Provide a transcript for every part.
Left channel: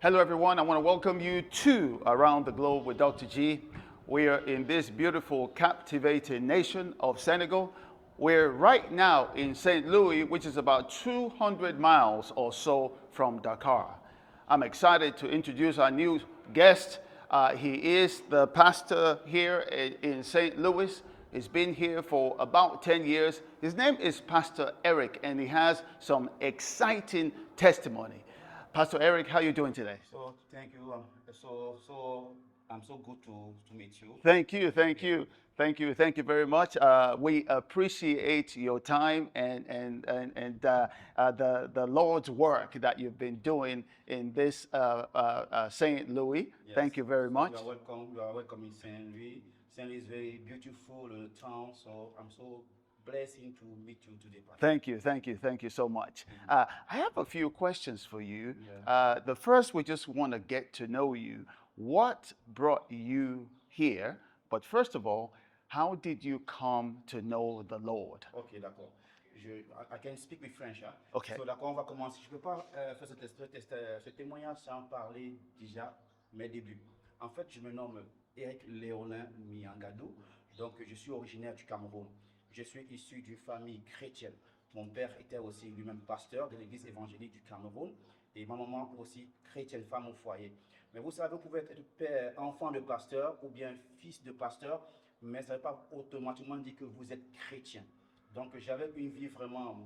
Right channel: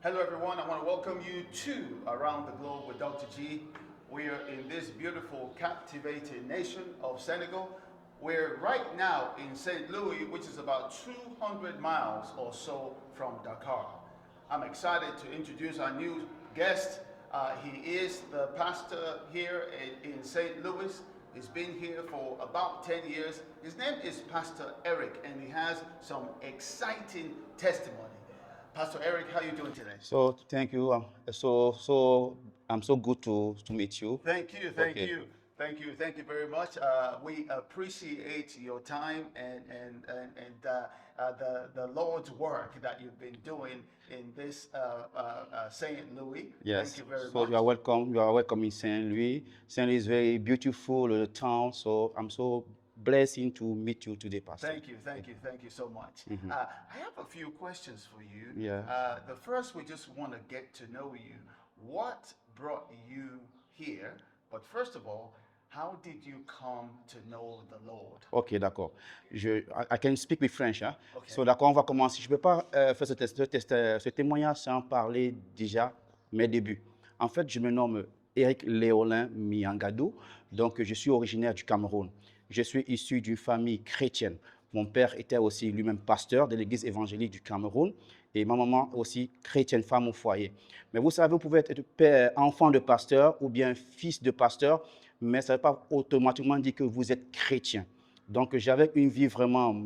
Hello, everyone. I want to welcome you to Around the Globe with Dr. G. We are in this beautiful, captivating nation of Senegal. We're right now in St. Louis, which is about 200 miles or so from Dakar. I'm excited to introduce our new guest. He is the pastor here in St. Louis. He's been here for about 10 years. His name is Pastor Eric, and he has some exciting testimony. Pastor Eric, how are you doing today? So thank you. So I'm so good to meet you. Thank you, thank Okay. you, thank you very much. We appreciate your time and the Lord's work that you've been doing in this Saint Louis. Thank Yes. you very So you much. are welcome. You are welcome in Saint Louis. Saint Louis is very beautiful town. So I'm so blessed to meet you today, Pastor. Thank you so much. I have a few questions for you. Yeah. The first, we just want to get to know you. What brought you here? But first of all, how did you come to know the Lord? Ok, d'accord. I can speak with French. Hein? Okay. So d'accord, on va commencer. Je ne peux pas faire ce témoignage sans parler déjà mes débuts. En fait, je me nomme Eric Léolin Miangado. Donc, je suis originaire du Cameroun. Je suis issu d'une famille chrétienne. Mon père était aussi lui-même pasteur de l'église évangélique du Cameroun et ma maman aussi chrétienne, femme au foyer. Mais vous savez, vous pouvez être père, enfant de pasteur ou bien fils de pasteur, mais ça ne veut pas automatiquement dire que vous êtes chrétien. Donc, j'avais une vie vraiment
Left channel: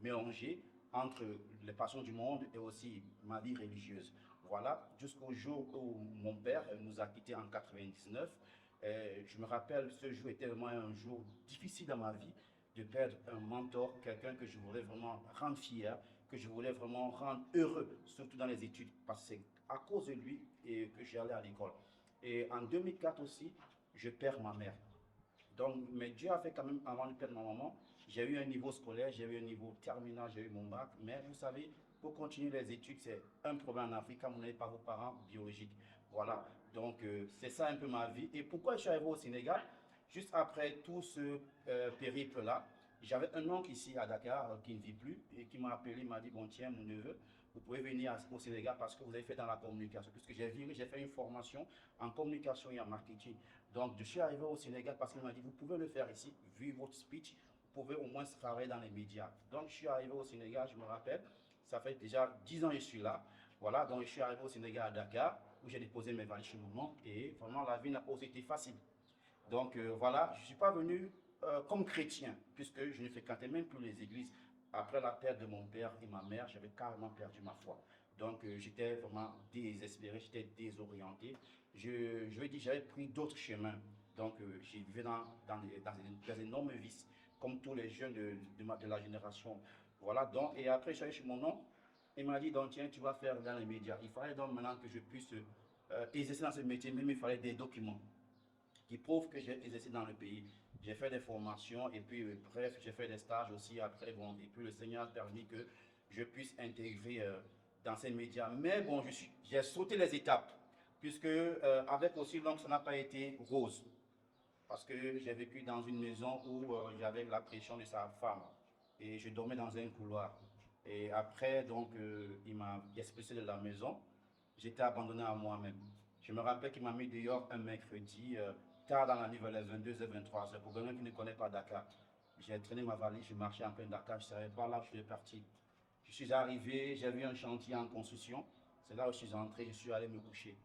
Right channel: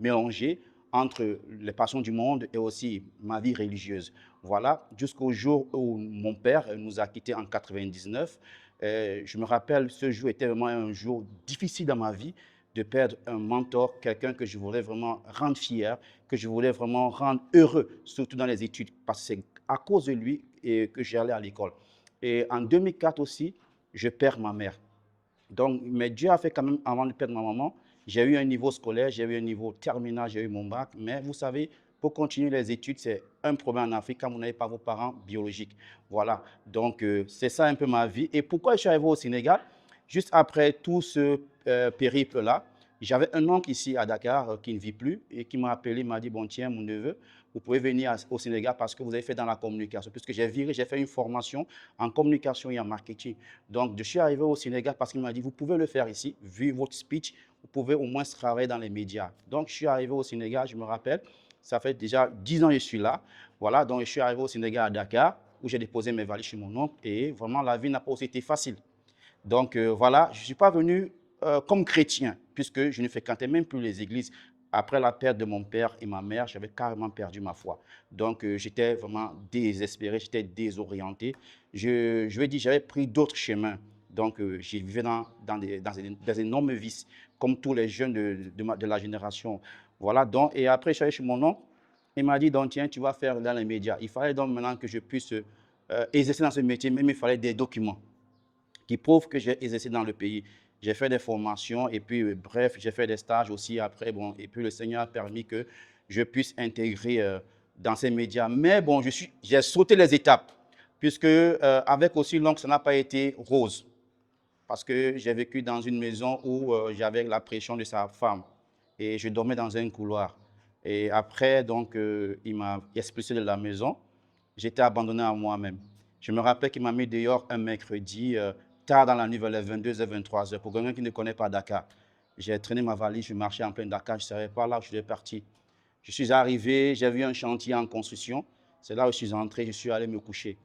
mélangée entre les passions du monde et aussi ma vie religieuse. Voilà, jusqu'au jour où mon père nous a quittés en 99. Je me rappelle, ce jour était vraiment un jour difficile dans ma vie de perdre un mentor, quelqu'un que je voulais vraiment rendre fier, que je voulais vraiment rendre heureux, surtout dans les études, parce que c'est à cause de lui que j'allais à l'école. Et en 2004 aussi, je perds ma mère. Donc, mais Dieu a fait quand même, avant de perdre ma maman, j'ai eu un niveau scolaire, j'ai eu un niveau terminal, j'ai eu mon bac. Mais vous savez, pour continuer les études, c'est un problème en Afrique quand vous n'avez pas vos parents biologiques. Voilà. Donc, c'est ça un peu ma vie. Et pourquoi je suis arrivé au Sénégal? Juste après tout ce périple-là, j'avais un oncle ici à Dakar qui ne vit plus et qui m'a appelé, m'a dit, bon tiens, mon neveu, vous pouvez venir au Sénégal parce que vous avez fait dans la communication. Puisque j'ai fait une formation en communication et en marketing. Donc, je suis arrivé au Sénégal parce qu'il m'a dit, vous pouvez le faire ici, vu votre speech, vous pouvez au moins travailler dans les médias. Donc, je suis arrivé au Sénégal, je me rappelle, ça fait déjà 10 ans que je suis là. Voilà, donc je suis arrivé au Sénégal à Dakar, où j'ai déposé mes valises chez mon oncle, et vraiment, la vie n'a pas aussi été facile. Donc, voilà, je ne suis pas venu comme chrétien, puisque je ne fréquentais même plus les églises. Après la perte de mon père et ma mère, j'avais carrément perdu ma foi. Donc, j'étais vraiment désespéré, j'étais désorienté. Je vais dire, j'avais pris d'autres chemins. Donc, je vivais dans énormes vices, comme tous les jeunes de la génération. Voilà, donc, et après, je suis allé chez mon oncle. Il m'a dit, donc, tiens, tu vas faire dans les médias. Il fallait donc maintenant que je puisse exercer dans ce métier, même il fallait des documents qui prouve que j'ai exercé dans le pays. J'ai fait des formations et puis, bref, j'ai fait des stages aussi après. Bon, et puis, le Seigneur a permis que je puisse intégrer dans ces médias. Mais bon, j'ai sauté les étapes, puisque avec aussi l'oncle, ça n'a pas été rose. Parce que j'ai vécu dans une maison où j'avais la pression de sa femme et je dormais dans un couloir. Et après, donc, il m'a expulsé de la maison. J'étais abandonné à moi-même. Je me rappelle qu'il m'a mis dehors un mercredi, tard dans la nuit, vers les 22h, 23h. Pour quelqu'un qui ne connaît pas Dakar, j'ai traîné ma valise, je marchais en plein Dakar, je ne savais pas là où je devais partir. Je suis arrivé, j'ai vu un chantier en construction. C'est là où je suis entré, je suis allé me coucher.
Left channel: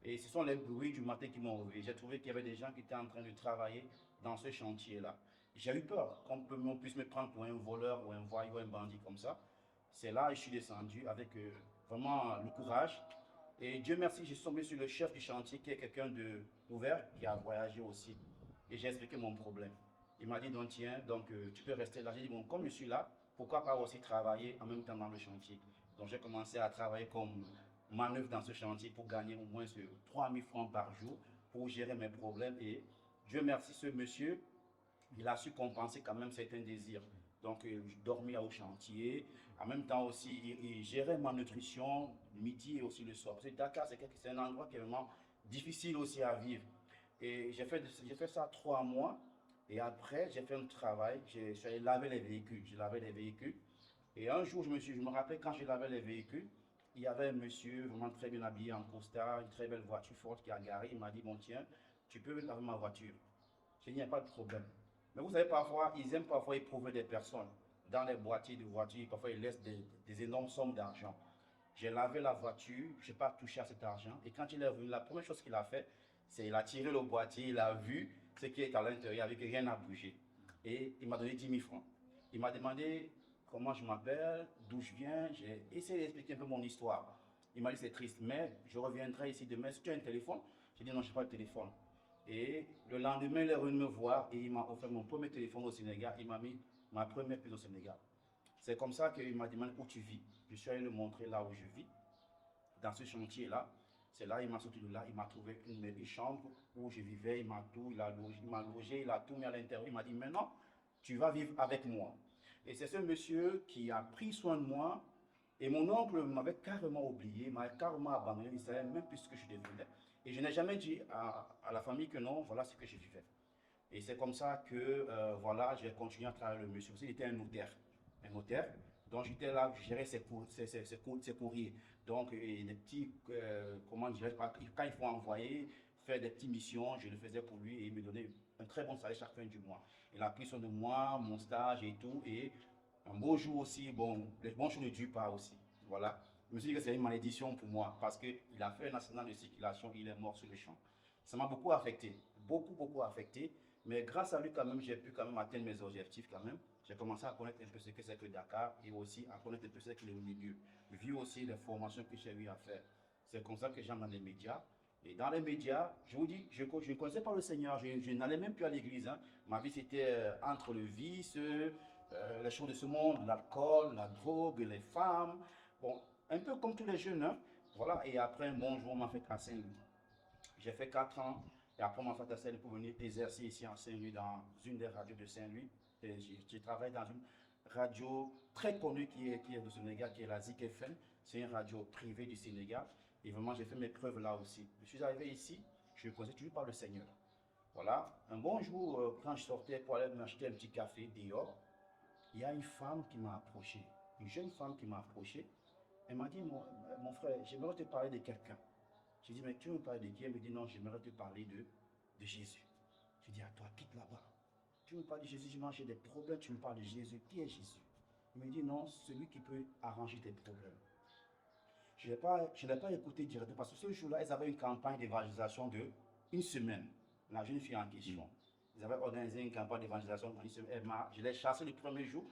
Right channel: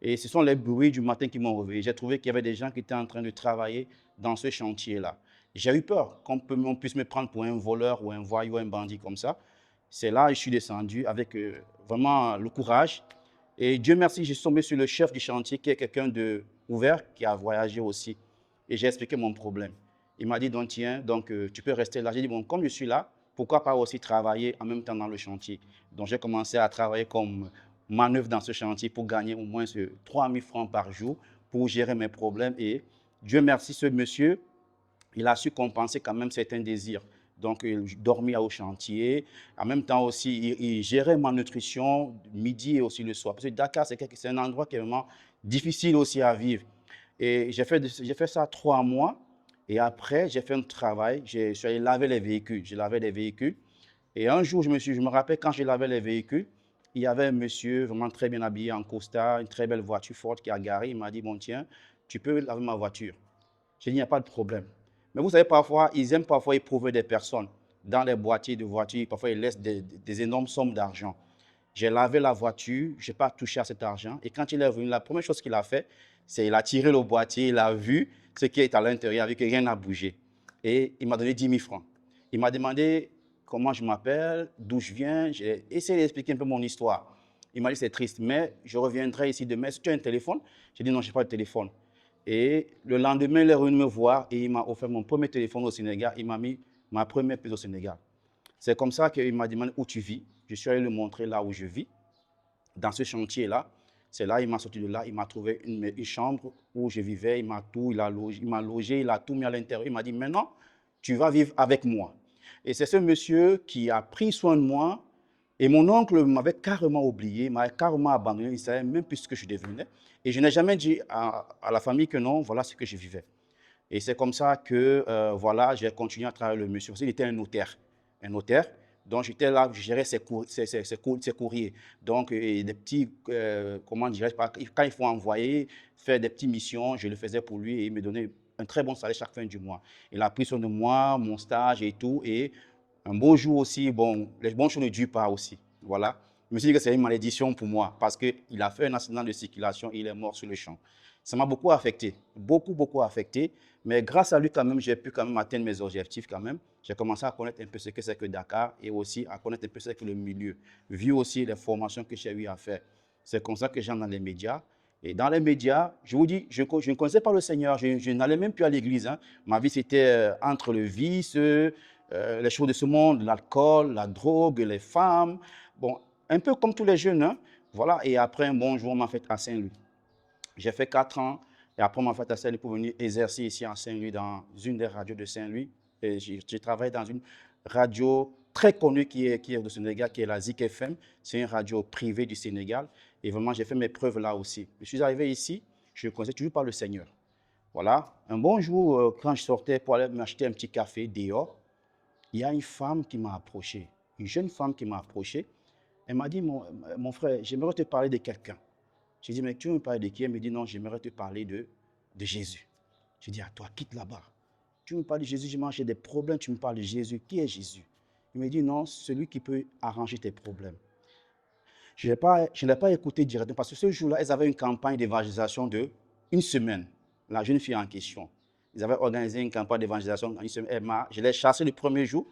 Et ce sont les bruits du matin qui m'ont réveillé. J'ai trouvé qu'il y avait des gens qui étaient en train de travailler dans ce chantier-là. J'ai eu peur qu'on puisse me prendre pour un voleur ou un voyou, un bandit comme ça. C'est là que je suis descendu avec vraiment le courage. Et Dieu merci, je suis tombé sur le chef du chantier qui est quelqu'un d'ouvert, qui a voyagé aussi. Et j'ai expliqué mon problème. Il m'a dit, donc tiens, donc, tu peux rester là. J'ai dit, bon, comme je suis là, pourquoi pas aussi travailler en même temps dans le chantier. Donc j'ai commencé à travailler comme manœuvre dans ce chantier pour gagner au moins 3 000 francs par jour pour gérer mes problèmes. Et Dieu merci, ce monsieur, il a su compenser quand même certains désirs. Donc, il dormait au chantier. En même temps aussi, il gérait ma nutrition midi et aussi le soir. Parce que Dakar, c'est un endroit qui est vraiment difficile aussi à vivre. Et j'ai fait ça 3 mois. Et après, j'ai fait un travail. Je suis allé laver les véhicules. J'ai lavé les véhicules. Et un jour, je me rappelle, quand je lavais les véhicules, il y avait un monsieur vraiment très bien habillé en costard, une très belle voiture forte qui a garé. Il m'a dit, bon tiens, tu peux laver ma voiture. J'ai dit, il n'y a pas de problème. Mais vous savez, parfois, ils aiment parfois éprouver des personnes dans les boîtiers de voitures. Parfois, ils laissent des énormes sommes d'argent. J'ai lavé la voiture, je n'ai pas touché à cet argent. Et quand il est revenu, la première chose qu'il a fait, c'est qu'il a tiré le boîtier, il a vu ce qui est à l'intérieur, avec rien n'a bougé. Et il m'a donné 10 000 francs. Il m'a demandé comment je m'appelle, d'où je viens. J'ai essayé d'expliquer un peu mon histoire. Il m'a dit c'est triste, mais je reviendrai ici demain. Est-ce que tu as un téléphone? J'ai dit non, je n'ai pas de téléphone. Et le lendemain, il est revenu me voir et il m'a offert mon premier téléphone au Sénégal. Il m'a mis ma première puce au Sénégal. C'est comme ça qu'il m'a demandé où tu vis. Je suis allé lui montrer là où je vis, dans ce chantier-là. C'est là, il m'a sorti de là, il m'a trouvé une chambre où je vivais, il m'a logé, il a tout mis à l'intérieur. Il m'a dit, maintenant, tu vas vivre avec moi. Et c'est ce monsieur qui a pris soin de moi. Et mon oncle m'avait carrément oublié, m'avait carrément abandonné, il ne savait même plus ce que je devenais. Et je n'ai jamais dit à la famille que non, voilà ce que je vivais. Et c'est comme ça que voilà, j'ai continué à travailler le monsieur. Parce qu'il était un notaire. Un notaire. Donc j'étais là, je gérais ses courriers. Donc des petits, comment dirais-je, quand il faut envoyer, faire des petites missions, je le faisais pour lui et il me donnait un très bon salaire chaque fin du mois. Il a pris soin de moi, mon stage et tout. Et un beau jour aussi, bon, les bons jours ne durent pas aussi. Voilà. Je me suis dit que c'est une malédiction pour moi parce qu'il a fait un accident de circulation et il est mort sur le champ. Ça m'a beaucoup affecté, beaucoup affecté. Mais grâce à lui, quand même, j'ai pu quand même atteindre mes objectifs quand même. J'ai commencé à connaître un peu ce que c'est que Dakar et aussi à connaître un peu ce que c'est que le milieu, vu aussi les formations que j'ai eu à faire. C'est comme ça que j'entre dans les médias. Et dans les médias, je vous dis, je ne connaissais pas le Seigneur, je n'allais même plus à l'église. Hein. Ma vie, c'était entre le vice, les choses de ce monde, l'alcool, la drogue, les femmes. Bon, un peu comme tous les jeunes. Hein. Voilà. Et après, un bon jour, on m'a fait à Saint-Louis. J'ai fait 4 ans et après, on m'a fait à Saint-Louis pour venir exercer ici à Saint-Louis dans une des radios de Saint-Louis. J'ai travaillé dans une radio très connue qui est au Sénégal, qui est la Zik FM. C'est une radio privée du Sénégal. Et vraiment, j'ai fait mes preuves là aussi. Je suis arrivé ici, je ne connaissais toujours pas le Seigneur. Voilà. Un bon jour, quand je sortais pour aller m'acheter un petit café dehors, il y a une femme qui m'a approché, une jeune femme qui m'a approché. Elle m'a dit, mon frère, j'aimerais te parler de quelqu'un. J'ai dit, mais tu veux me parler de qui? Elle me dit, non, j'aimerais te parler de Jésus. J'ai dit, à toi, quitte là-bas. Tu me parles de Jésus, j'ai des problèmes, tu me parles de Jésus. Qui est Jésus? Il me dit, non, celui qui peut arranger tes problèmes. Je ne l'ai pas écouté directement parce que ce jour-là, ils avaient une campagne d'évangélisation de une semaine. La jeune fille en question. Ils avaient organisé une campagne d'évangélisation en une semaine. Je l'ai chassée le premier jour.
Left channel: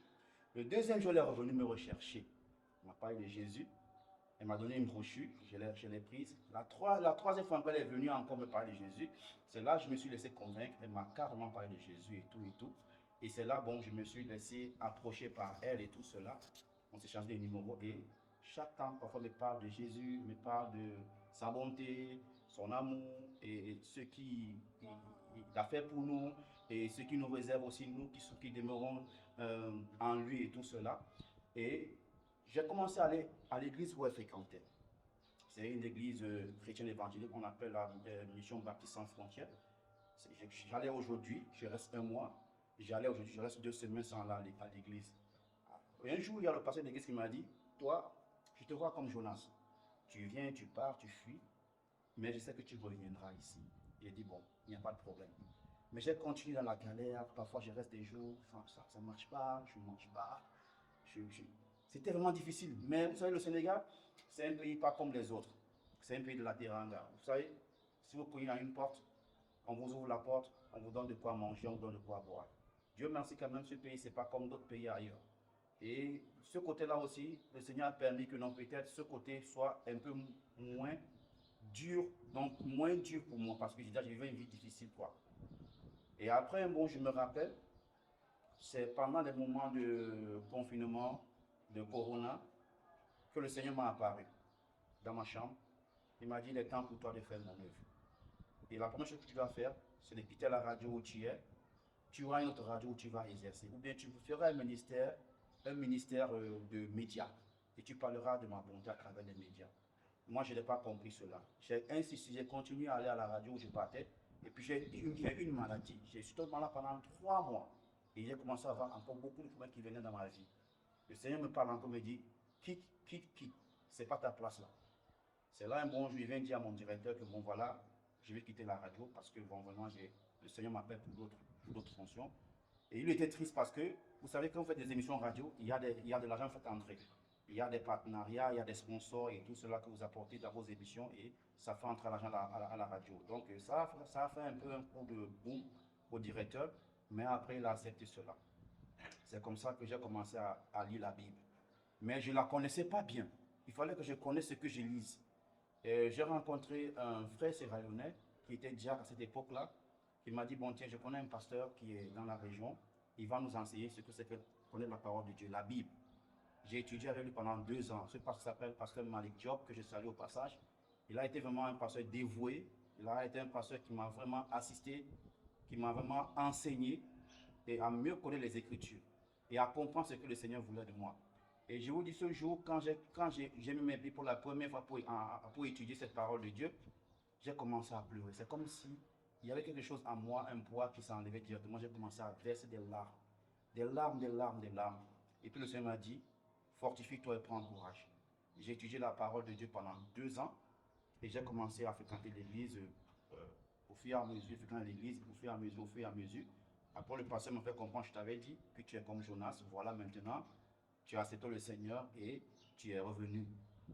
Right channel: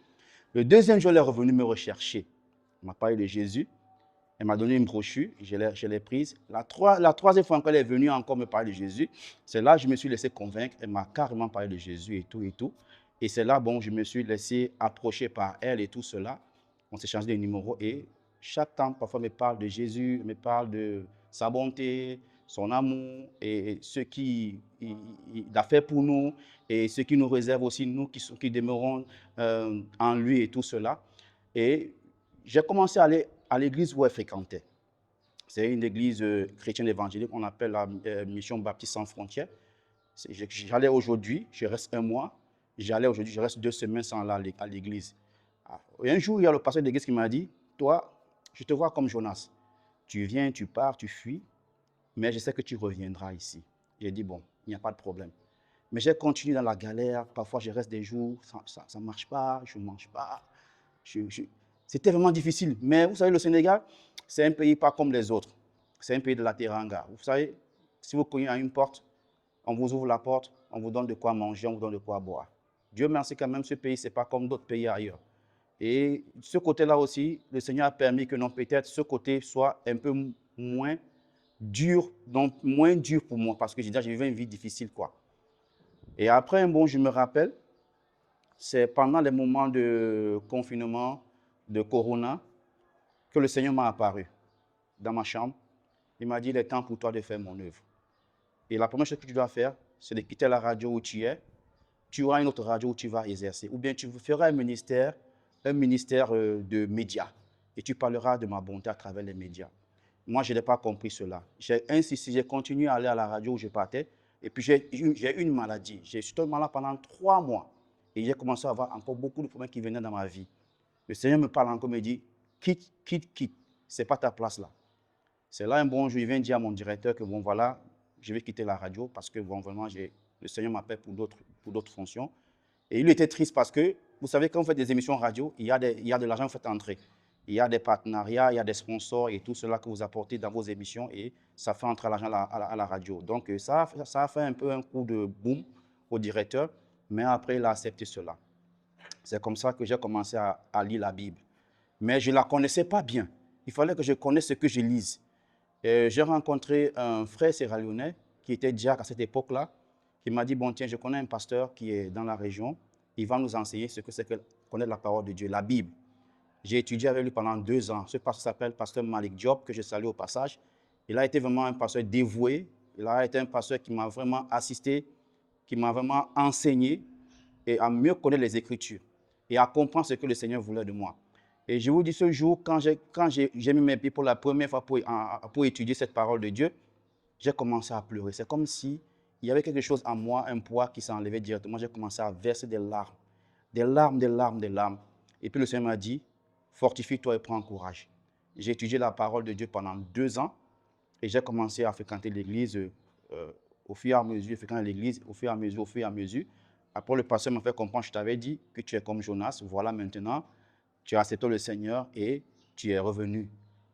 Le deuxième jour, elle est revenue me rechercher. Elle m'a parlé de Jésus. Elle m'a donné une brochure, je l'ai prise. La troisième fois qu'elle est venue encore me parler de Jésus, c'est là que je me suis laissé convaincre. Elle m'a carrément parlé de Jésus et tout et tout. Et c'est là, bon, je me suis laissé approcher par elle et tout cela. On s'est changé de numéro et chaque temps, parfois, elle me parle de Jésus, elle me parle de sa bonté, son amour et ce qu'il a fait pour nous et ce qui nous réserve aussi, nous qui demeurons en lui et tout cela. Et j'ai commencé à aller à l'église où elle fréquentait. C'est une église chrétienne évangélique qu'on appelle la Mission Baptiste Sans Frontières. J'allais aujourd'hui, je reste un mois. J'allais aujourd'hui, je reste 2 semaines sans aller à l'église. Et un jour, il y a le pasteur de l'église qui m'a dit, toi, je te vois comme Jonas. Tu viens, tu pars, tu fuis, mais je sais que tu reviendras ici. J'ai dit, bon, il n'y a pas de problème. Mais j'ai continué dans la galère. Parfois, je reste des jours, ça ne marche pas, je ne mange pas. C'était vraiment difficile. Mais vous savez, le Sénégal, c'est un pays pas comme les autres. C'est un pays de la teranga. Vous savez, si vous cognez à une porte, on vous ouvre la porte, on vous donne de quoi manger, on vous donne de quoi boire. Dieu merci quand même, ce pays, ce n'est pas comme d'autres pays ailleurs. Et ce côté-là aussi, le Seigneur a permis que non, peut-être ce côté soit un peu moins dur, donc moins dur pour moi, parce que j'ai vécu une vie difficile, quoi. Et après, bon, je me rappelle, c'est pendant les moments de confinement, de Corona, que le Seigneur m'a apparu dans ma chambre. Il m'a dit, il est temps pour toi de faire mon œuvre. Et la première chose que tu dois faire, c'est de quitter la radio où tu es. Tu auras une autre radio où tu vas exercer. Ou bien tu feras un ministère de médias. Et tu parleras de ma bonté à travers les médias. Moi, je n'ai pas compris cela. J'ai insisté, j'ai continué à aller à la radio où je partais. Et puis, j'ai eu une maladie. J'ai été malade pendant 3 mois. Et j'ai commencé à avoir encore beaucoup de problèmes qui venaient dans ma vie. Le Seigneur me parle encore, me dit, quitte. ce n'est pas ta place là. C'est là un bon jour, il vient dire à mon directeur que bon voilà, je vais quitter la radio parce que bon vraiment, le Seigneur m'appelle pour d'autres fonctions. Et il était triste parce que, vous savez, quand vous faites des émissions radio, il y a de l'argent que vous faites entrer. Il y a des partenariats, il y a des sponsors et tout cela que vous apportez dans vos émissions et ça fait entrer l'argent à la radio. Donc ça a fait un peu un coup de boom au directeur, mais après il a accepté cela. C'est comme ça que j'ai commencé à lire la Bible. Mais je ne la connaissais pas bien. Il fallait que je connaisse ce que je lise. J'ai rencontré un frère sierra-léonais qui était diacre à cette époque-là, qui m'a dit, bon tiens, je connais un pasteur qui est dans la région, il va nous enseigner ce que c'est que connaître la parole de Dieu, la Bible. J'ai étudié avec lui pendant 2 ans. Ce pasteur s'appelle pasteur Malik Diop, que je salue au passage. Il a été vraiment un pasteur dévoué, il a été un pasteur qui m'a vraiment assisté, qui m'a vraiment enseigné et à mieux connaître les Écritures et à comprendre ce que le Seigneur voulait de moi. Et je vous dis, ce jour, quand j'ai mis mes pieds pour la première fois pour étudier cette parole de Dieu, j'ai commencé à pleurer. C'est comme si il y avait quelque chose en moi, un poids qui s'est enlevé directement. J'ai commencé à verser des larmes, des larmes, des larmes, des larmes. Et puis le Seigneur m'a dit, fortifie-toi et prends courage. J'ai étudié la parole de Dieu pendant 2 ans et j'ai commencé à fréquenter l'église au fur et à mesure, fréquenter l'église au fur et à mesure, au fur et à mesure. Après, le pasteur m'a fait comprendre, je t'avais dit que tu es comme Jonas, voilà maintenant, tu as accepté le Seigneur et tu es revenu.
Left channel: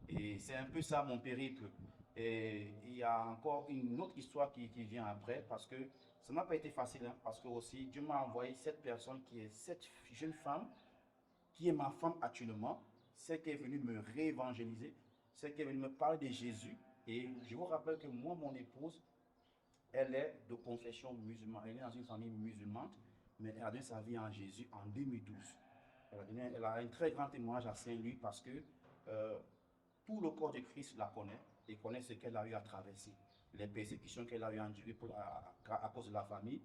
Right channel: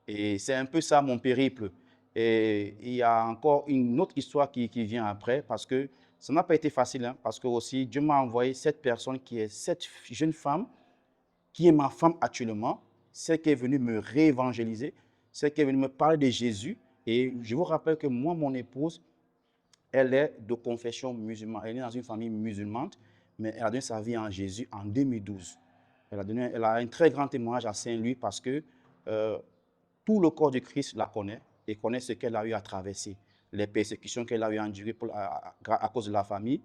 Et c'est un peu ça mon périple. Et il y a encore une autre histoire qui vient après, parce que ça n'a pas été facile, hein, parce que aussi Dieu m'a envoyé cette personne qui est cette jeune femme, qui est ma femme actuellement, celle qui est venue me réévangéliser, celle qui est venue me parler de Jésus. Et je vous rappelle que moi, mon épouse, elle est de confession musulmane. Elle est dans une famille musulmane, mais elle a donné sa vie en Jésus en 2012. Elle a un très grand témoignage à Saint-Louis parce que euh, tout le corps de Christ la connaît et connaît ce qu'elle a eu à traverser, les persécutions qu'elle a eu à endurer à cause de la famille,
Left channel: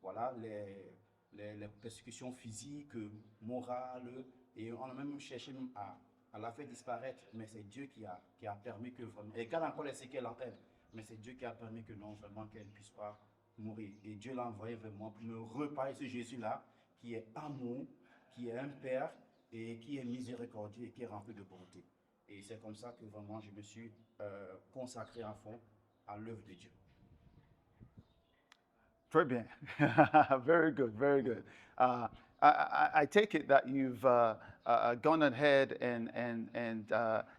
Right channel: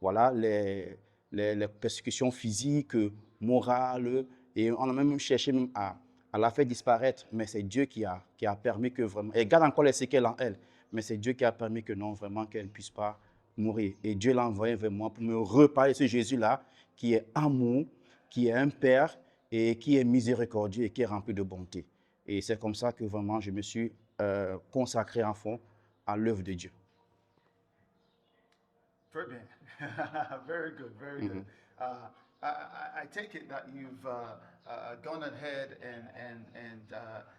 voilà, les persécutions physiques, morales, et on a même cherché même à la faire disparaître, mais c'est Dieu qui a permis que vraiment, elle garde encore les séquelles en elle, mais c'est Dieu qui a permis que non, vraiment, qu'elle ne puisse pas mourir. Et Dieu l'a envoyé vers moi pour me reparler de ce Jésus-là, qui est amour, qui est un Père et qui est miséricordieux et qui est rempli de bonté. Et c'est comme ça que vraiment je me suis consacré à fond à l'œuvre de Dieu. Très bien. Very good, very good. I take it that you've gone ahead and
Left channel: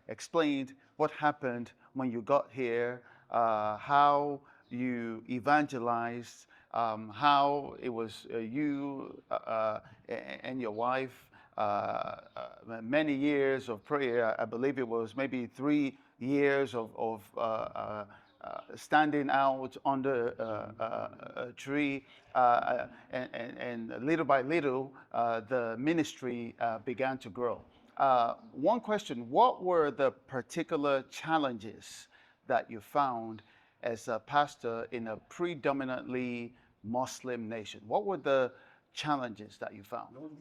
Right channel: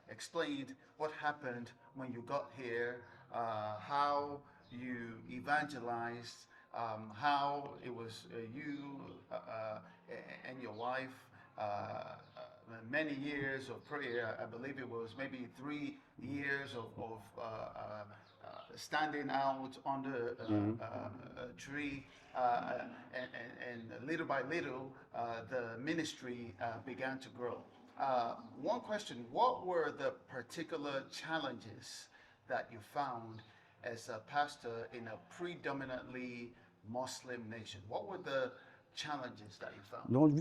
explained what happened when you got here, how you evangelized, how it was you and your wife, many years of prayer. I believe it was maybe 3 years of standing out under a tree, and little by little, the ministry began to grow. One question: what were the particular challenges that you found as a pastor in a predominantly Muslim nation? What were the challenges that you found? Donc,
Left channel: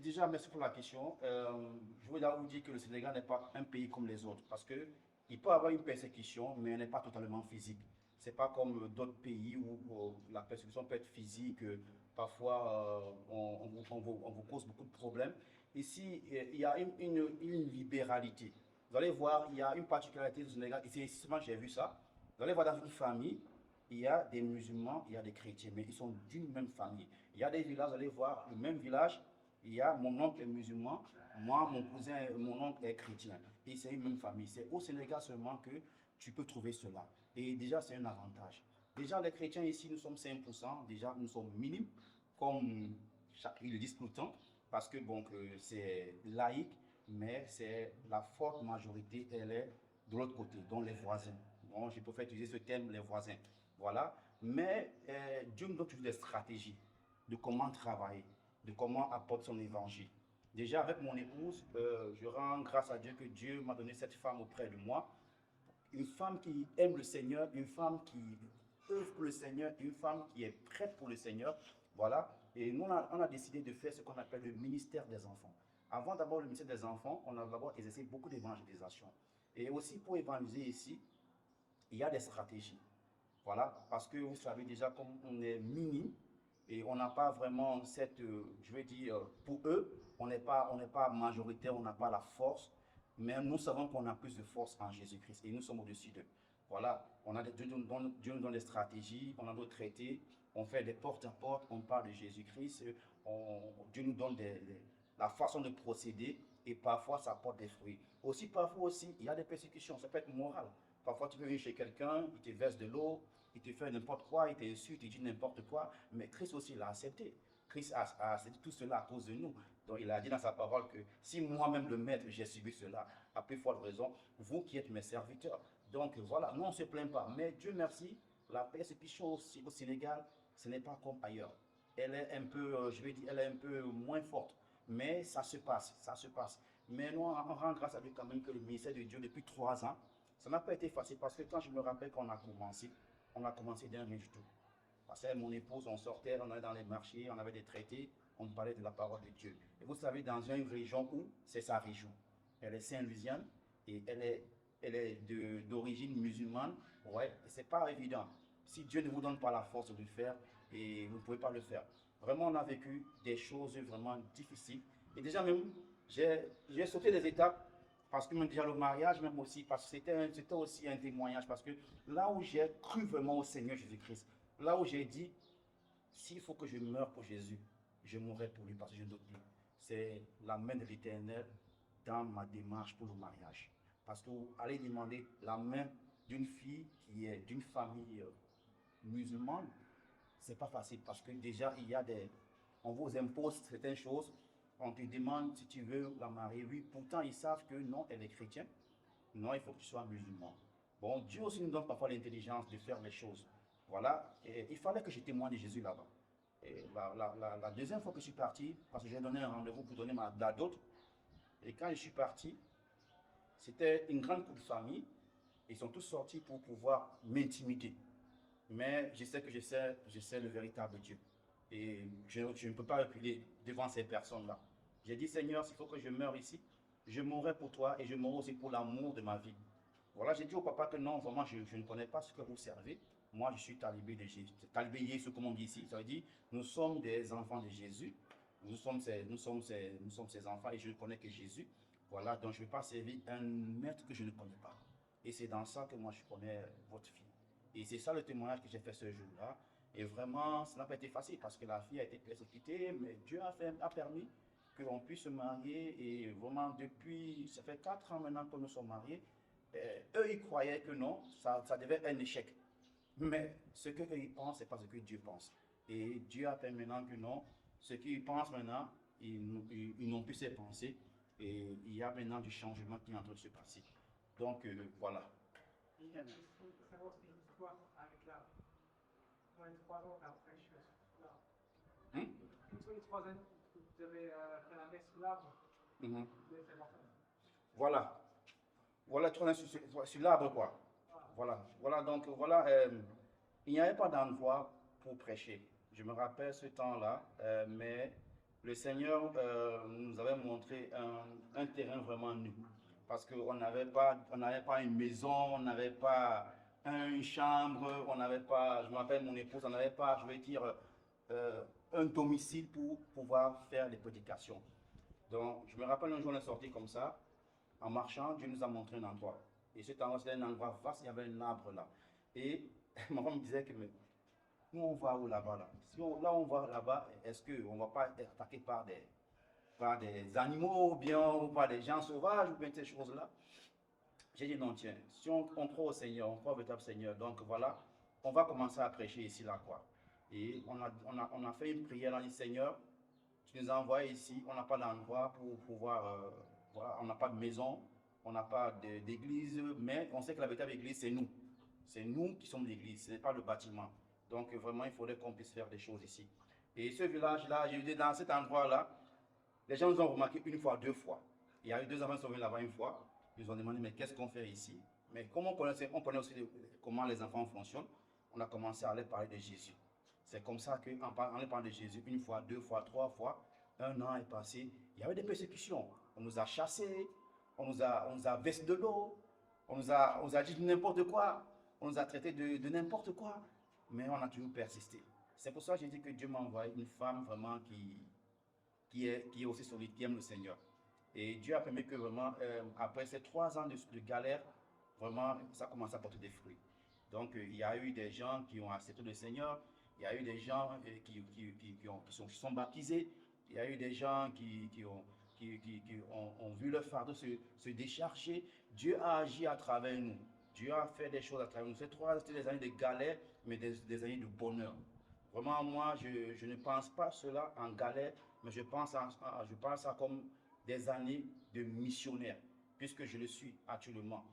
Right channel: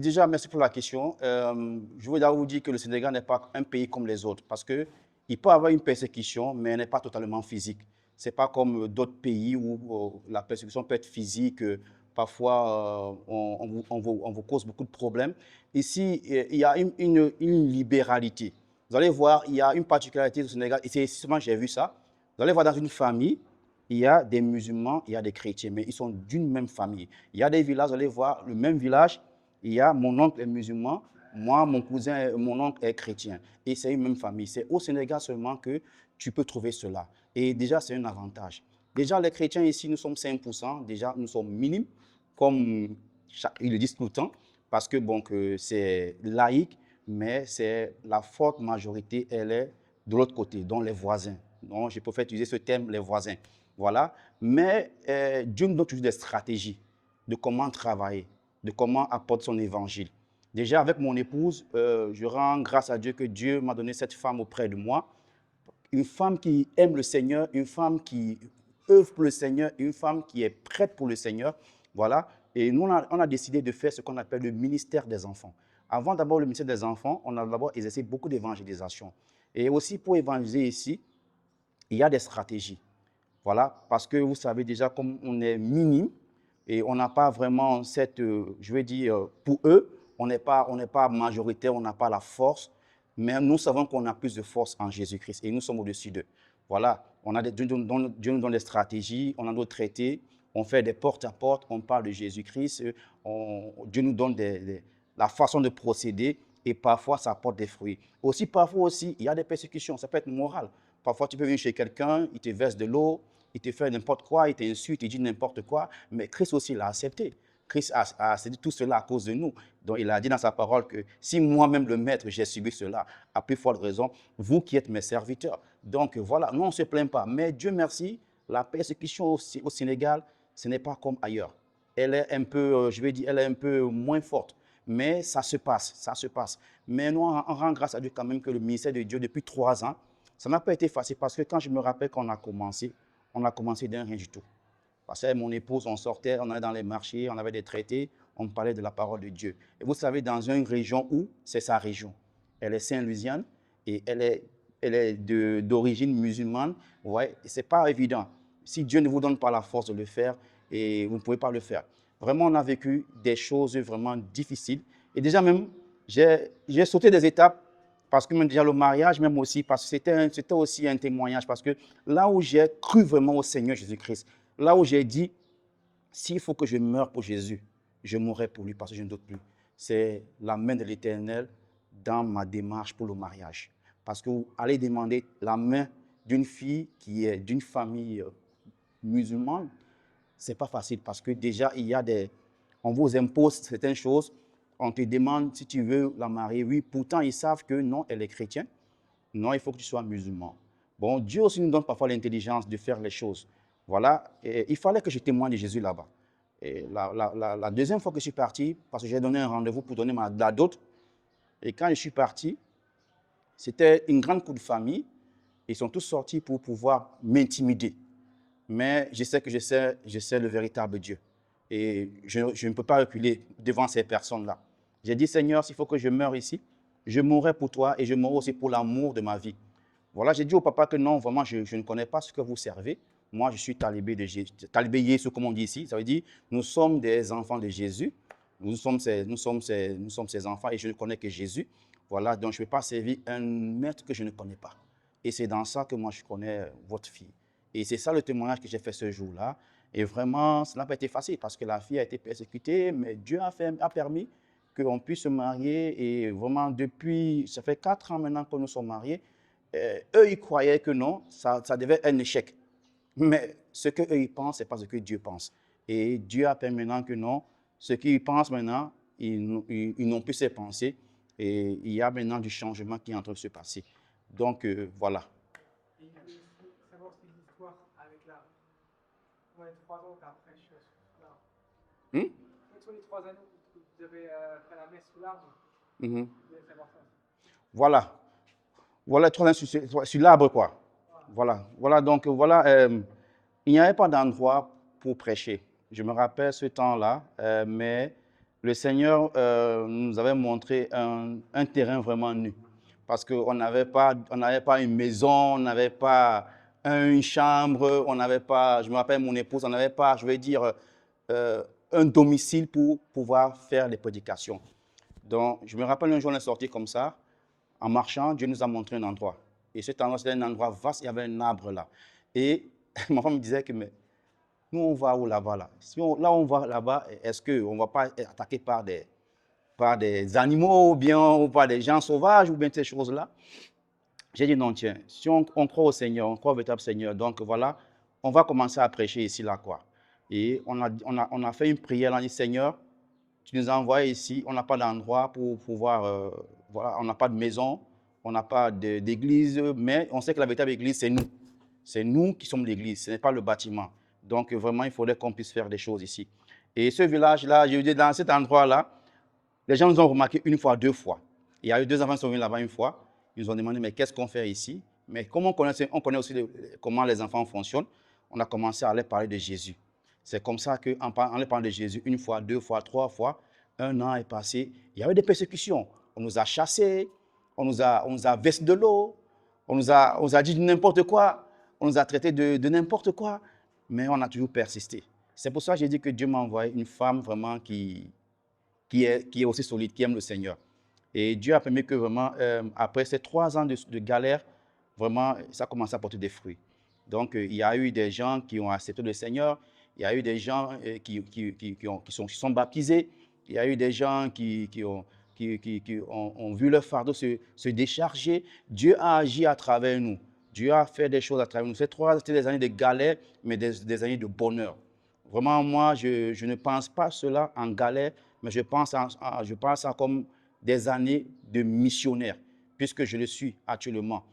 déjà, merci pour la question. Je voudrais vous dire que le Sénégal n'est pas un pays comme les autres parce qu'il peut avoir une persécution, mais elle n'est pas totalement physique. Ce n'est pas comme d'autres pays où la persécution peut être physique. Parfois, on vous cause beaucoup de problèmes. Ici, il y a une libéralité. Vous allez voir, il y a une particularité du Sénégal, et c'est seulement j'ai vu ça. Vous allez voir dans une famille, il y a des musulmans, il y a des chrétiens, mais ils sont d'une même famille. Il y a des villages, vous allez voir, le même village, il y a mon oncle est musulman, moi, mon cousin, mon oncle est chrétien. Et c'est une même famille. C'est au Sénégal seulement que tu peux trouver cela. Et déjà, c'est un avantage. Déjà, les chrétiens ici, nous sommes 5%. Déjà, nous sommes minimes, comme ils le disent tout le temps, parce que bon, c'est laïque, mais c'est la forte majorité, elle est de l'autre côté, dont les voisins. Donc, je préfère utiliser ce terme, les voisins. Voilà. Mais Dieu nous donne toujours des stratégies de comment travailler, de comment apporter son évangile. Déjà, avec mon épouse, je rends grâce à Dieu que Dieu m'a donné cette femme auprès de moi. Une femme qui aime le Seigneur, une femme qui œuvre pour le Seigneur, une femme qui est prête pour le Seigneur. Voilà. Et nous, on a décidé de faire ce qu'on appelle le ministère des enfants. Avant d'abord le ministère des enfants, on a d'abord exercé beaucoup d'évangélisation. Et aussi pour évangéliser ici, il y a des stratégies. Voilà, parce que vous savez déjà, comme on est minime et on n'a pas vraiment cette, je veux dire, pour eux, on n'est pas majoritaire, on n'a pas la force. Mais nous savons qu'on a plus de force en Jésus-Christ et nous sommes au-dessus d'eux. Voilà, Dieu nous donne des stratégies, on a nos traités, on fait des porte-à-porte, on parle de Jésus-Christ, Dieu nous donne la façon de procéder et parfois ça apporte des fruits. Parfois aussi, il y a des persécutions, ça peut être moral. Parfois, tu peux venir chez quelqu'un, il te verse de l'eau, il te fait n'importe quoi, il t'insulte, il dit n'importe quoi, mais Christ aussi l'a accepté. Christ a accepté tout cela à cause de nous. Donc, il a dit dans sa parole que si moi-même, le Maître, j'ai subi cela, à plus forte raison, vous qui êtes mes serviteurs. Donc, voilà, nous, on ne se plaint pas. Mais Dieu merci, la persécution au Sénégal, ce n'est pas comme ailleurs. Elle est un peu, je vais dire, elle est un peu moins forte. Mais ça se passe, ça se passe. Mais nous, on rend grâce à Dieu quand même que le ministère de Dieu, depuis 3 ans, ça n'a pas été facile parce que quand je me rappelle qu'on a commencé d'un rien du tout. Parce que mon épouse, on sortait, on allait dans les marchés, on avait des traités, on parlait de la parole de Dieu. Et vous savez, dans une région où c'est sa région. Elle est Saint-Louisiane et elle est d'origine musulmane. Ouais, ce n'est pas évident. Si Dieu ne vous donne pas la force de le faire, et vous ne pouvez pas le faire. Vraiment, on a vécu des choses vraiment difficiles. Et déjà même, j'ai sauté des étapes parce que même déjà le mariage, même aussi, parce que c'était aussi un témoignage. Parce que là où j'ai cru vraiment au Seigneur Jésus-Christ, là où j'ai dit, s'il faut que je meure pour Jésus, je mourrai pour lui parce que je ne doute plus. C'est la main de l'Éternel dans ma démarche pour le mariage. Parce que vous allez demander la main d'une fille qui est d'une famille musulmane, ce n'est pas facile parce que déjà, on vous impose certaines choses. On te demande si tu veux la marier. Oui, pourtant, ils savent que non, elle est chrétienne. Non, il faut que tu sois musulman. Bon, Dieu aussi nous donne parfois l'intelligence de faire les choses. Voilà, et il fallait que je témoigne de Jésus là-bas. Et la deuxième fois que je suis parti, parce que j'ai donné un rendez-vous pour donner la dot, et quand je suis parti, c'était une grande cour de famille. Ils sont tous sortis pour pouvoir m'intimider. Mais je sais que je sais le véritable Dieu. Et je ne peux pas reculer devant ces personnes-là. J'ai dit, Seigneur, s'il faut que je meure ici, je mourrai pour toi et je mourrai aussi pour l'amour de ma vie. Voilà, j'ai dit au papa que non, vraiment, je ne connais pas ce que vous servez. Moi, je suis talibé de Jésus, talibé Jésus, comme on dit ici. Ça veut dire, nous sommes des enfants de Jésus. Nous sommes ses enfants et je ne connais que Jésus. Voilà, donc je ne vais pas servir un maître que je ne connais pas. Et c'est dans ça que moi, je connais votre fille. Et c'est ça le témoignage que j'ai fait ce jour-là. Et vraiment, ça n'a pas été facile parce que la fille a été persécutée, mais Dieu a permis qu'on puisse se marier. Et vraiment, ça fait 4 ans maintenant que nous sommes mariés. Eux, ils croyaient que non, ça devait être un échec. Mais ce qu'eux, ils pensent, ce n'est pas ce que Dieu pense. Et Dieu a permis maintenant que non, ce qu'ils pensent maintenant, ils n'ont plus ces pensées. Et il y a maintenant du changement qui est en train de se passer. Donc, voilà. Il y a savoir si l'histoire avec la. Ouais, 3 ans après, je suis là. Quels sont les 3 années où vous avez fait la messe sous l'arbre? Voilà. Voilà, 3 ans sur l'arbre, quoi. Voilà, donc voilà, il n'y avait pas d'endroit pour prêcher. Je me rappelle ce temps-là, mais le Seigneur nous avait montré un terrain vraiment nu. Parce qu'on n'avait pas une maison, on n'avait pas une chambre, on n'avait pas, je me rappelle mon épouse, on n'avait pas, je vais dire, un domicile pour pouvoir faire les prédications. Donc, je me rappelle un jour, on est sorti comme ça, en marchant, Dieu nous a montré un endroit. Et cet endroit, c'était un endroit vaste, il y avait un arbre là. Et ma femme me disait que, mais nous, on va où là-bas là? Si on va là-bas, est-ce qu'on ne va pas être attaqué par des animaux ou bien ou par des gens sauvages ou bien ces choses-là? J'ai dit non, tiens, si on croit au Seigneur, on croit au véritable Seigneur, donc voilà, on va commencer à prêcher ici là quoi. Et on a fait une prière, on a dit Seigneur, tu nous as envoyés ici, on n'a pas d'endroit pour pouvoir, voilà, on n'a pas de maison, on n'a pas d'église, mais on sait que la véritable église, c'est nous. C'est nous qui sommes l'église, ce n'est pas le bâtiment. Donc vraiment, il faudrait qu'on puisse faire des choses ici. Et ce village-là, je veux dire, dans cet endroit-là, les gens nous ont remarqué une fois, 2 fois. Il y a eu 2 enfants qui sont venus là-bas une fois, ils nous ont demandé, mais qu'est-ce qu'on fait ici? Mais comme on connaît aussi comment les enfants fonctionnent, on a commencé à leur parler de Jésus. C'est comme ça qu'en leur parlant de Jésus, 1 fois, 2 fois, 3 fois, 1 an est passé. Il y avait des persécutions. On nous a chassés, on nous a versé de l'eau, on nous a dit n'importe quoi, on nous a traité de n'importe quoi, mais on a toujours persisté. C'est pour ça que j'ai dit que Dieu m'a envoyé une femme vraiment qui est aussi solide, qui aime le Seigneur. Et Dieu a permis que vraiment, après ces 3 ans de galère, vraiment, ça a commencé à porter des fruits. Donc, il y a eu des gens qui ont accepté le Seigneur, il y a eu des gens qui sont baptisés, il y a eu des gens qui ont vu leur fardeau se décharger. Dieu a agi à travers nous. Dieu a fait des choses à travers nous. Ces 3 ans, c'était des années de galère, mais des années de bonheur. Vraiment, moi, je ne pense pas cela en galère, mais je pense à ça comme des années de missionnaire, puisque je le suis actuellement.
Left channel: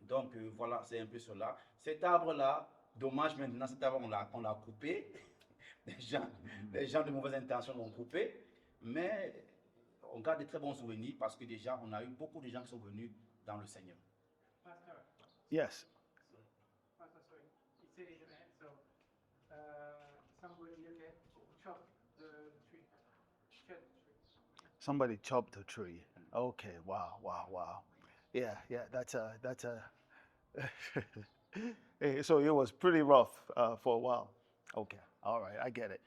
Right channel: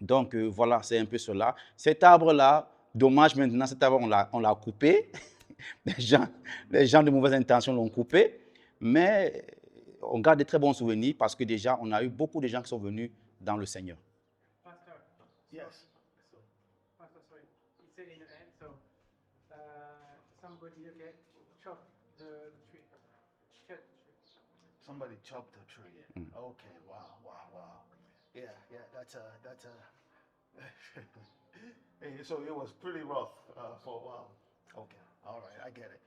Donc, voilà, c'est un peu cela. Cet arbre-là, dommage maintenant, cet arbre, on l'a coupé. Les gens de mauvaise intention l'ont coupé, mais on garde de très bons souvenirs parce que déjà, on a eu beaucoup de gens qui sont venus dans le Seigneur. Pastor, Yes. Pastor, sorry. You said in the end, so somebody get chopped the tree. Cut the tree. Somebody chopped a tree. Okay. Wow. Wow. Wow. Yeah. Yeah. That's a. So it was pretty rough for a while. Okay. All right. I get it.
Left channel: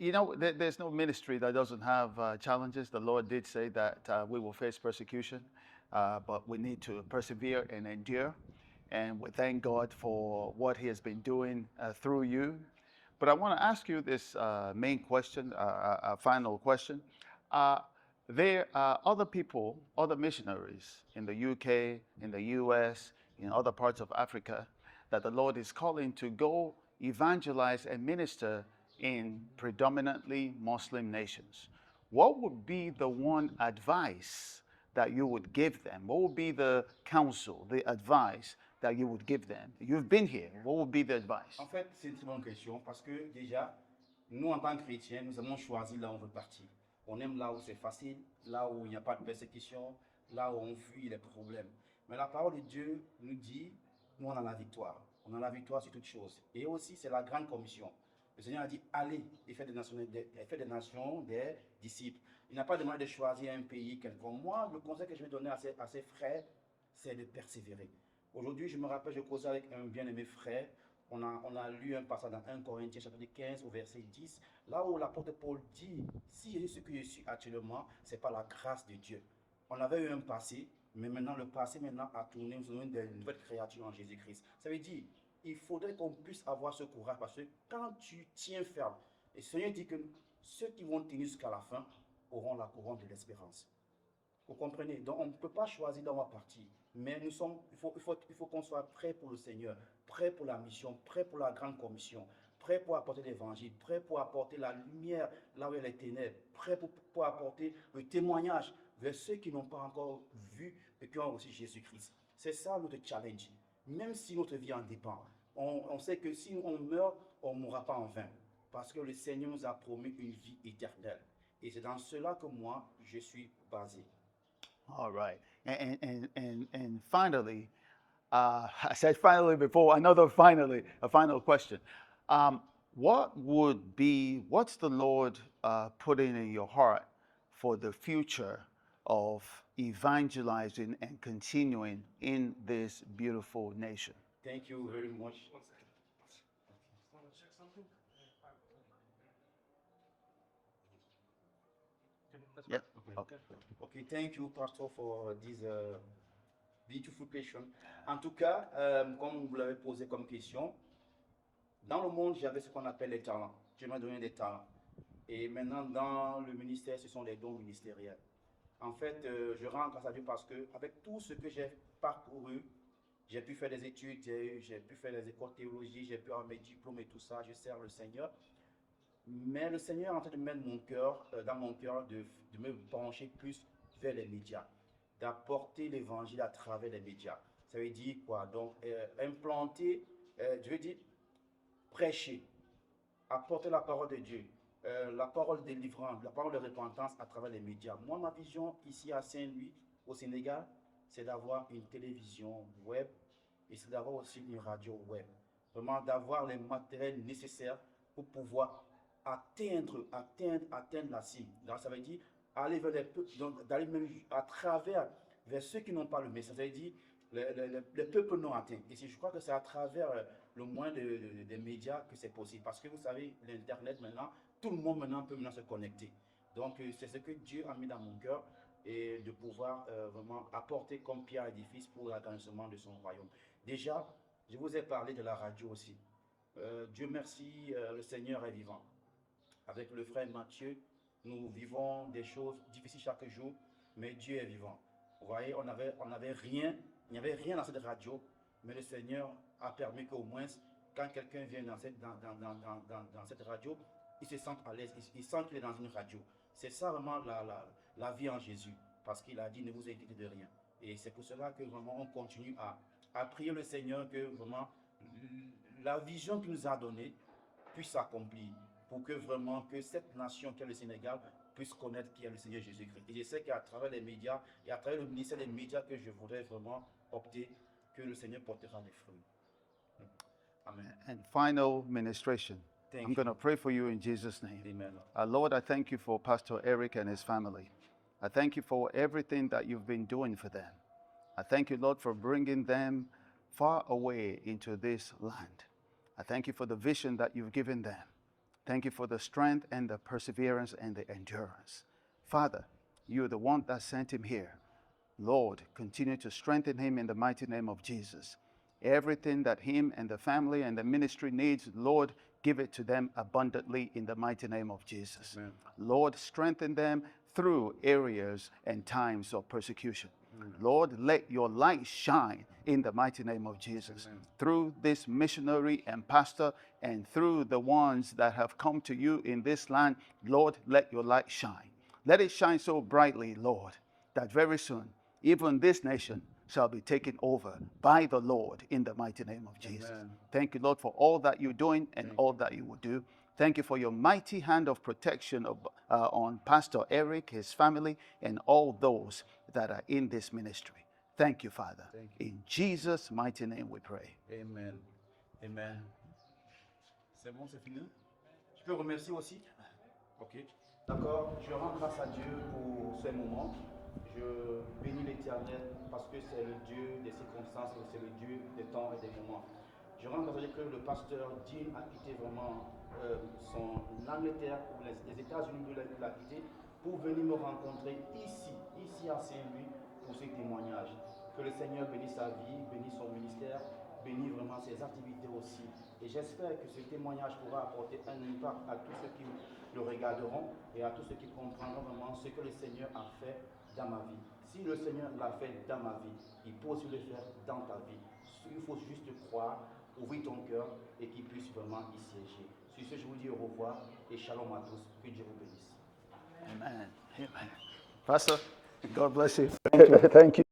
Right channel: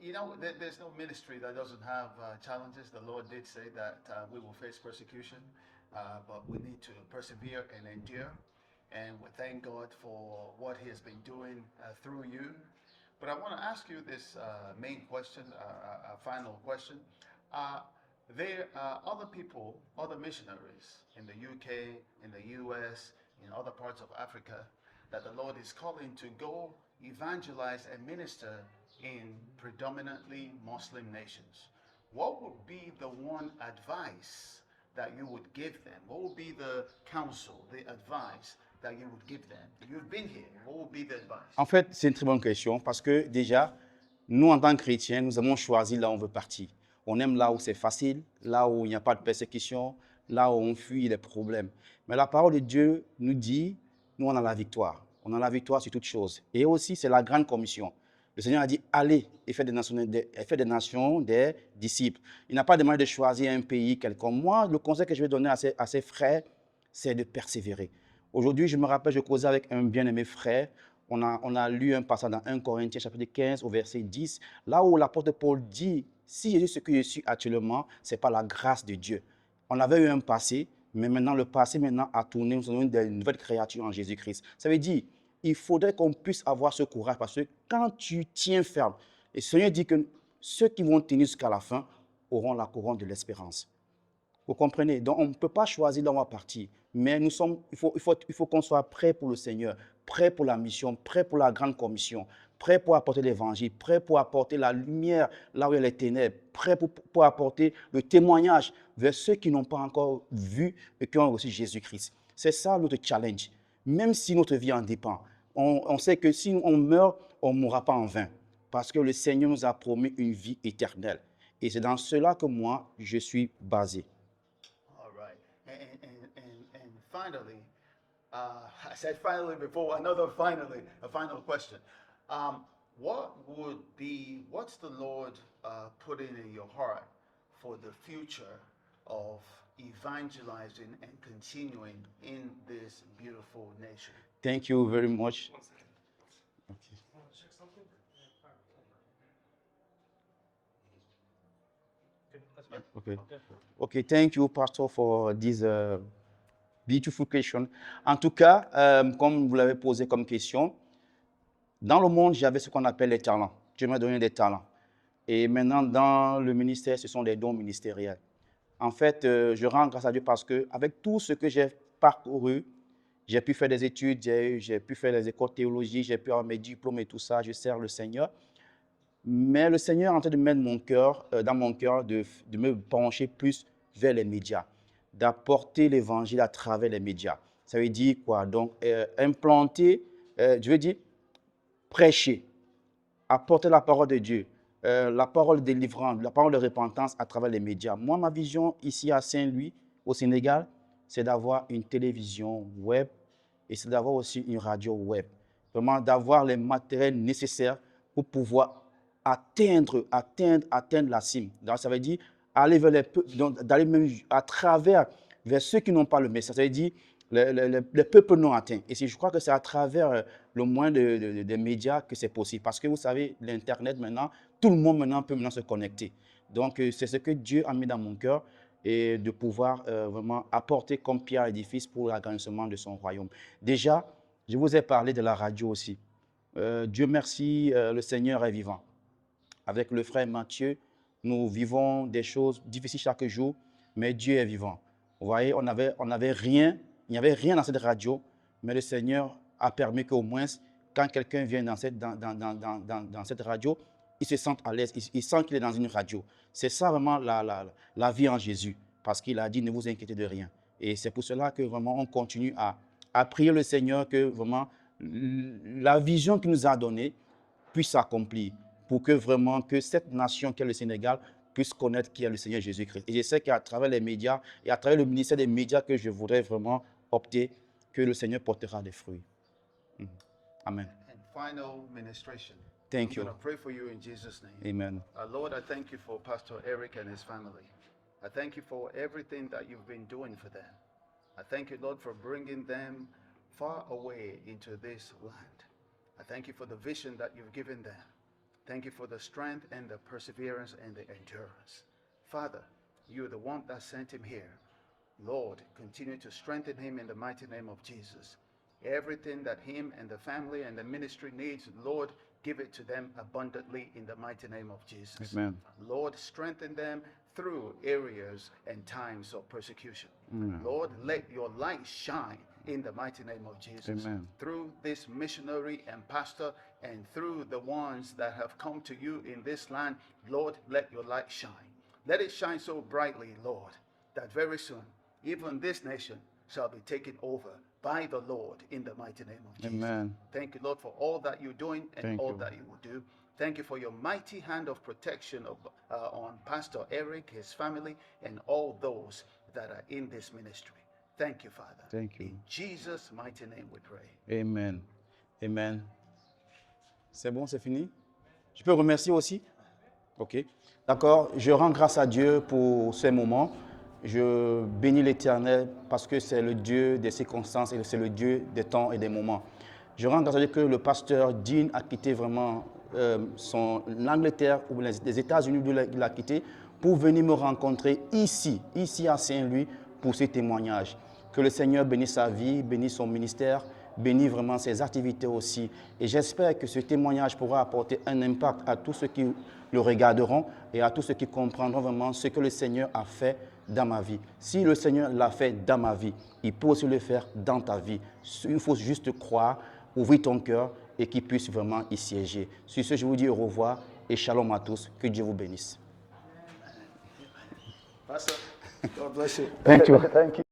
You know, there's no ministry that doesn't have challenges. The Lord did say that we will face persecution, but we need to persevere and endure. And we thank God for what He has been doing through you. But I want to ask you this main question, a final question. There are other people, other missionaries in the UK, in the US, in other parts of Africa, that the Lord is calling to go evangelize and minister in predominantly Muslim nations. What would be the one advice that you would give them? What would be the counsel, the advice that you would give them? You've been here. What would be the advice? En fait, c'est une très bonne question parce que déjà, nous, en tant que chrétiens, nous avons choisi là où on veut partir. On aime là où c'est facile, là où il n'y a pas de persécution, là où on fuit les problèmes. Mais la parole de Dieu nous dit, nous, on a la victoire. On a la victoire sur toutes choses. Et aussi, c'est la grande commission. Le Seigneur a dit, allez et faites des nations des disciples. Il n'a pas demandé de choisir un pays quelconque. Moi, le conseil que je vais donner à ses frères, c'est de persévérer. Aujourd'hui, je me rappelle, je causais avec un bien-aimé frère. On a lu un passage dans 1 Corinthiens chapitre 15 au verset 10, là où l'apôtre Paul dit, si je suis ce que je suis actuellement, ce n'est pas la grâce de Dieu. On avait eu un passé, mais maintenant le passé a tourné, nous sommes des nouvelles créatures en Jésus-Christ. Ça veut dire, il faudrait qu'on puisse avoir ce courage parce que quand tu tiens ferme, et le Seigneur dit que ceux qui vont tenir jusqu'à la fin auront la couronne de l'espérance. Vous comprenez? Donc, on ne peut pas choisir là où on va partir. Mais il faut qu'on soit prêt pour le Seigneur, prêt pour la mission, prêt pour la grande commission, prêt pour apporter l'évangile, prêt pour apporter la lumière là où il y a les ténèbres, prêt pour apporter le témoignage vers ceux qui n'ont pas encore vu et qui ont reçu Jésus-Christ. C'est ça notre challenge. Même si notre vie en dépend, on sait que si on meurt, on ne mourra pas en vain. Parce que le Seigneur nous a promis une vie éternelle. Et c'est dans cela que moi, je suis basé. All right. And finally, I said finally before, a final question. What's the Lord putting in your heart for the future of evangelizing and continuing in this beautiful nation? Thank you very much. Want to check something? Yeah. Okay, thank you, Pastor, for this beautiful question. En tout cas, comme vous l'avez posé comme question, dans le monde, j'avais ce qu'on appelle les talents. Dieu m'a donné des talents. Et maintenant, dans le ministère, ce sont des dons ministériels. En fait, je rends grâce à Dieu parce qu'avec tout ce que j'ai parcouru, j'ai pu faire des études, j'ai pu faire les écoles théologiques, j'ai pu avoir mes diplômes et tout ça, je sers le Seigneur. Mais le Seigneur est en train de mettre dans mon cœur de me pencher plus vers les médias, d'apporter l'évangile à travers les médias. Ça veut dire quoi? Donc, implanter, je veux dire, prêcher, apporter la parole de Dieu, la parole de délivrance, la parole de repentance à travers les médias. Moi, ma vision ici à Saint-Louis, au Sénégal, c'est d'avoir une télévision web et c'est d'avoir aussi une radio web. Vraiment, d'avoir les matériels nécessaires pour pouvoir atteindre la cime. Donc, ça veut dire aller vers les peuples, d'aller même à travers vers ceux qui n'ont pas le message. Ça veut dire les peuples non atteints. Et je crois que c'est à travers le moyen des médias que c'est possible. Parce que vous savez, l'Internet maintenant, tout le monde maintenant peut se connecter. Donc, c'est ce que Dieu a mis dans mon cœur et de pouvoir vraiment apporter comme pierre à l'édifice pour l'agrandissement de son royaume. Déjà, je vous ai parlé de la radio aussi. Dieu merci, le Seigneur est vivant. Avec le frère Mathieu, nous vivons des choses difficiles chaque jour, mais Dieu est vivant. Vous voyez, on n'avait rien, il n'y avait rien dans cette radio, mais le Seigneur a permis qu'au moins, quand quelqu'un vient dans cette radio, il se sente à l'aise, il sent qu'il est dans une radio. C'est ça vraiment la vie en Jésus, parce qu'il a dit ne vous inquiétez de rien. Et c'est pour cela que vraiment on continue à prier le Seigneur que vraiment la vision qu'il nous a donnée puisse s'accomplir, pour que vraiment que cette nation qu'est le Sénégal puisse connaître qui est le Seigneur Jésus-Christ. Et je sais qu'à travers les médias et à travers le ministère des médias que je voudrais vraiment opter, que le Seigneur portera des fruits. Amen. And final ministration. Thank I'm you. going to pray for you in Jesus' name. Amen. Lord, I thank you for Pastor Eric and his family. I thank you for everything that you've been doing for them. I thank you, Lord, for bringing them far away into this land. I thank you for the vision that you've given them. Thank you for the strength and the perseverance and the endurance. Father, you're the one that sent him here. Lord, continue to strengthen him in the mighty name of Jesus. Everything that him and the family and the ministry needs, Lord, give it to them abundantly in the mighty name of Jesus. Amen. Lord, strengthen them through areas and times of persecution. Lord, let your light shine in the mighty name of Jesus. Amen. Through this missionary and pastor and through the ones that have come to you in this land, Lord, let your light shine. Let it shine so brightly, Lord, that very soon, even this nation shall be taken over by the Lord in the mighty name of Jesus. Amen. Thank you, Lord, for all that you're doing and Thank all you. that you will do. Thank you for your mighty hand of protection on Pastor Eric, his family, and all those that are in this ministry. Thank you, Father. Thank you. In Jesus' mighty name we pray. Amen. Amen. C'est bon, c'est fini? Je peux remercier aussi? Ok. D'accord. Je rends grâce à Dieu pour ces moments. Je bénis l'Éternel parce que c'est le Dieu des circonstances et c'est le Dieu des temps et des moments. Je rends grâce à Dieu que le pasteur Dean a quitté vraiment l'Angleterre ou les États-Unis, il a quitté pour venir me rencontrer ici à Saint-Louis pour ces témoignages. Que le Seigneur bénisse sa vie, bénisse son ministère, bénisse vraiment ses activités aussi. Et j'espère que ce témoignage pourra apporter un impact à tous ceux qui le regarderont et à tous ceux qui comprendront vraiment ce que le Seigneur a fait dans ma vie. Si le Seigneur l'a fait dans ma vie, il peut aussi le faire dans ta vie. Il faut juste croire, ouvrir ton cœur et qu'il puisse vraiment y siéger. Sur ce, je vous dis au revoir et shalom à tous. Que Dieu vous bénisse. Amen. Pastor, God bless you. Thank you. Thank you.